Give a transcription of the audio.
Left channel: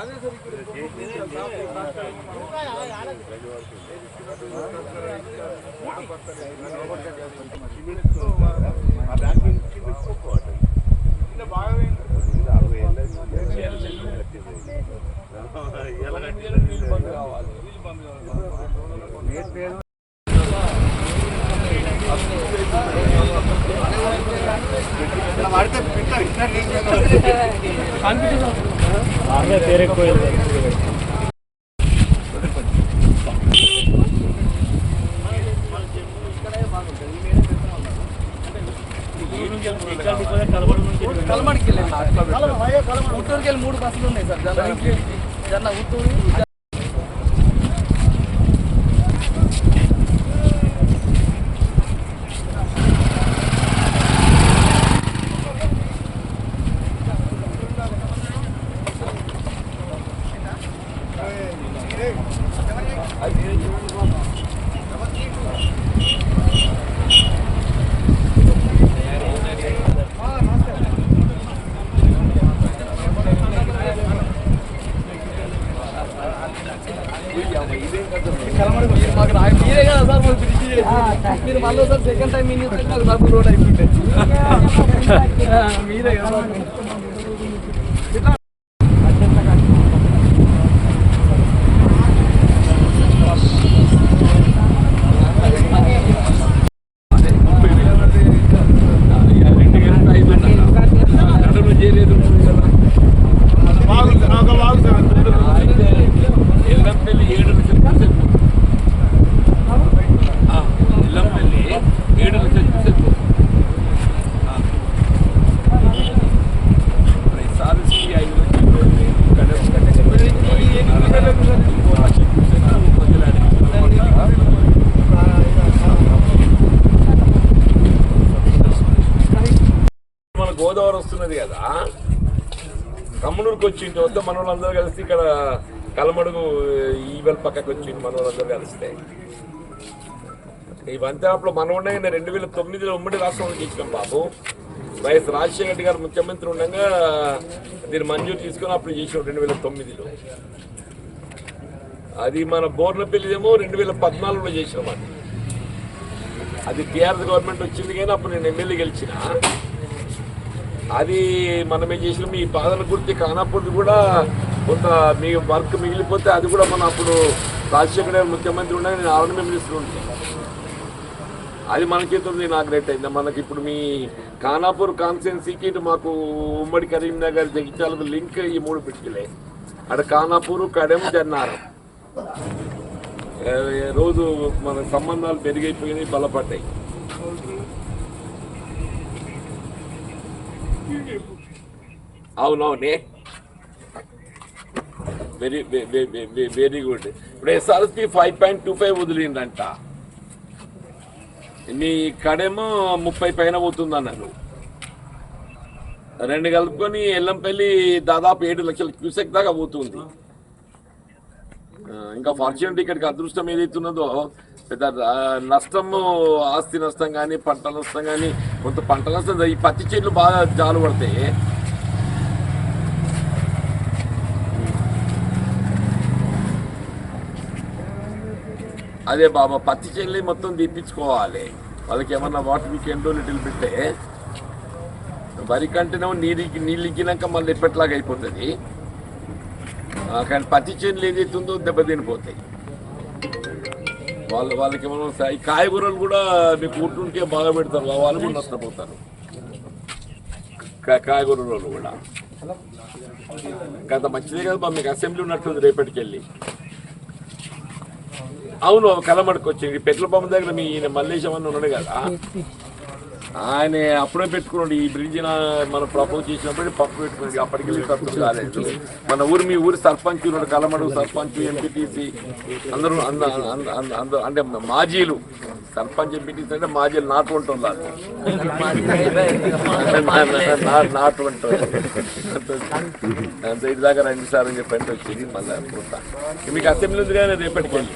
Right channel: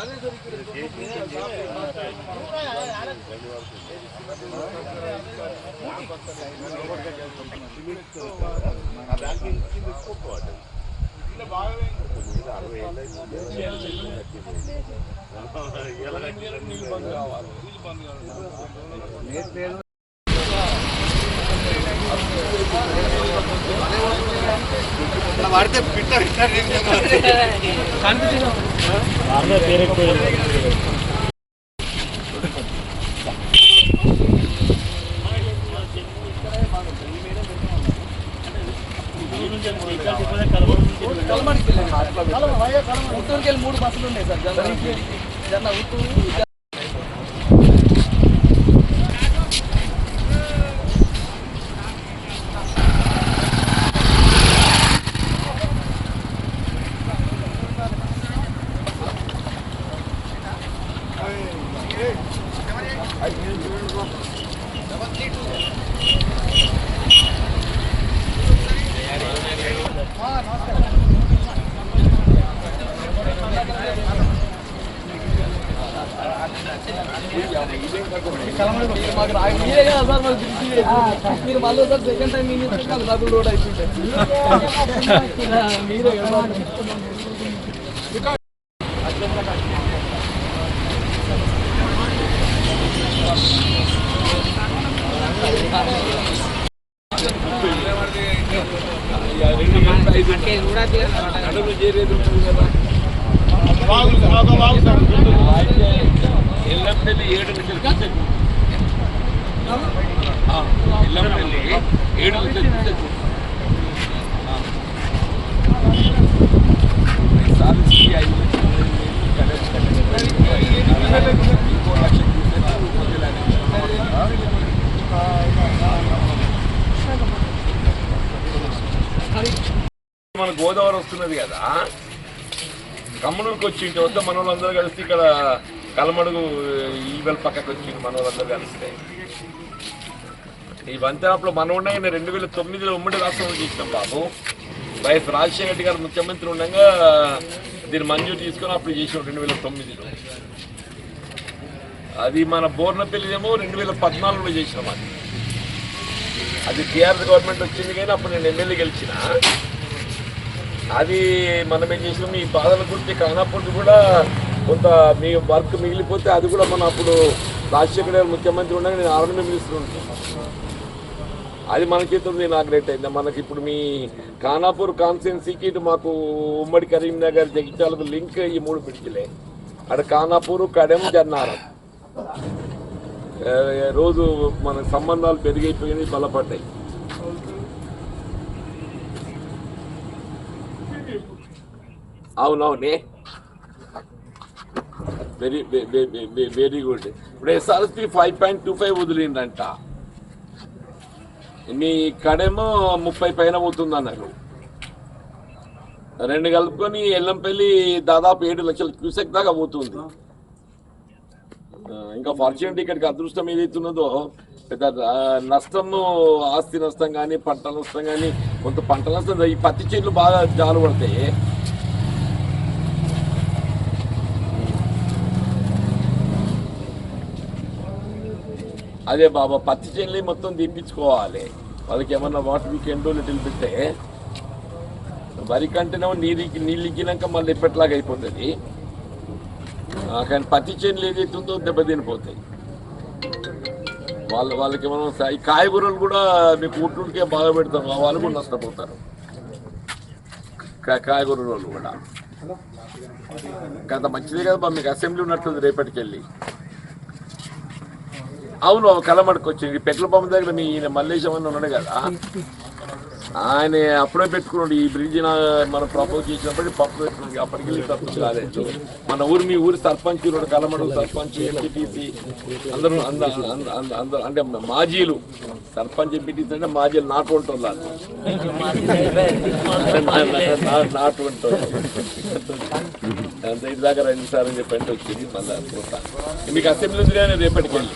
అదే సార్ ఇక్కడ నీళ్ళు బంద్ కావాలి కలమడికి ఉట్టూరుకి వెళ్ళి 3 బస్సులు ఉన్నాయి సార్ జన్న ఉట్టూరు మీరే కదా సార్ మాకు మీరు మళ్ళీ సార్ సెకండ్ టైం మాకు డబుల్ రోడ్ అయిపోయింది మీరే కదా ఎల్లంపల్లి 7 లక్షల ఎల్లంపల్లి 7 లక్షల సాధించి 5 మన గోదావరి వస్తున్నది కదా కమ్మనూరుకి వచ్చి ఇంటి వద్ద మన వాళ్ళందరూ కలిసి ఇక్కడ కలమడుగు ఈవెల్ పక్కకు వచ్చింది మన వాళ్ళందరూ కలిస్తే ఈ వంతెనప్పుడు మనం ఉండగా 2009లో ఉమ్మడి రాష్ట్రంలో చేసినాం బాబు. వైఎస్ రాజశేఖర రెడ్డి గారు ముఖ్యమంత్రి ఉండగా దీన్ని మంజూరు తీసుకొని అప్పుడు చేసినాం 2009లో. అది మన బోర్నపల్లిదేమో 2014లో చేసినాం. అది టీఆర్ఎస్ గవర్నమెంట్ వచ్చింది కానీ అప్పుడు నేను ఎమ్మెల్యే గెలిచిన. అది మనమే చేసినాం. ఈ బాధల గురించి కానప్పుడు కూడా కొంత మీ వర్క్ మిగిలిపోతే అది కూడా మనం అప్పుడు రాజశేఖర గారు ముఖ్యమంత్రి ఉండగా నేను ఆర్మీ మినిస్టర్ ఉంటాను. అది మనకి ఇనాగ్రేట్ అయింది. మనకి ఇప్పుడు మీ ఖానాపూర్ కాన్స్టిట్యున్సీకి ఇటు మాకు ఉమ్మడి కరీంనగర్ జగిత్యాలకు లింక్ ఈ 3 పిడికిలే. అక్కడ ఖానాపూర్, కడెం, జన్నారం రోజు మన సంబంధాలు పెరిగిపోయినాయి, బలపడ్డాయి. అవునవునే, వెరీ గుడ్. ఇప్పుడు ఎస్ఆర్ఎస్పి 5.25 వదిలిందంట. నీ కడేమో 30 పైన పోతుంది అన్నారు. 2 కలుపుకొని ఎల్లంపల్లి దాదాపు 7 లక్షల క్యూసెక్ దాకా పోతుంది. ఇంకా ఫార్చునేట్ ఇక్కడికి అదృష్టం ఏదైతున్నదో పెద్ద నష్టము, ఆస్తి నష్టం కానీ పంట నష్టం కానీ కొంత పంట నష్టం. ఈ పత్తి చెట్లు బాగా జాలు పడతాయి. అదే బాబా, పత్తి చెల్లి మొత్తం తీపించుకోవాలి. వాళ్ళకి ఏమన్నా వాటర్ వీకెండ్ లిటిల్ పెట్టే వరి కంటేనేమో నీళ్ళు ఇగ్గినాక మళ్ళీ ఎప్పటిలాగా అయిపోతుంది. కానీ పత్తి చెల్లి ఏదైతుందో దెబ్బతినిపోతాయి. వాళ్ళకి ఏమన్నా ఈ కాయగూరలు కూడా మీకు ఊటుంకే బాగా పెడతారు, వాళ్ళు కూడా నష్టపోతారు. కాయగూరలు కూడా అంత మంచిదే కదా. మీకు అసెంబ్లీ ఉన్నట్టుంది రేపటికెళ్ళి. అవును, కలమడకు వచ్చింది. పెట్రోల్ పంప్ దగ్గర మీ మల్లేశం అని ఉన్నాడు కదా, ఆయన అప్పుడే పెట్టుకున్నాడు ఈ బ్రిడ్జ్ మనం ప్రపోజ్ చేసినప్పుడు పప్పు పెట్టుకున్నాడు. అప్పటికి వెళ్ళి తత్వం కాలేదు. మన ఊరు మీ ఊరి సర్పంచ్ కలమడు సర్పంచ్ ఎంపీటీసీ అందరూ అంటే మాజీలు సర్పంచ్ ఎంపీటీసీ అంటే మాజీలు నాటు ఉంటుంది నాటు ఉంటుంది అంత ఇటు దాకా రండి సార్ అని చెప్పి అంటే వచ్చింది. మళ్ళీ మీకు అసెంబ్లీ ఉంది కానీ రేపటికి వెళ్ళి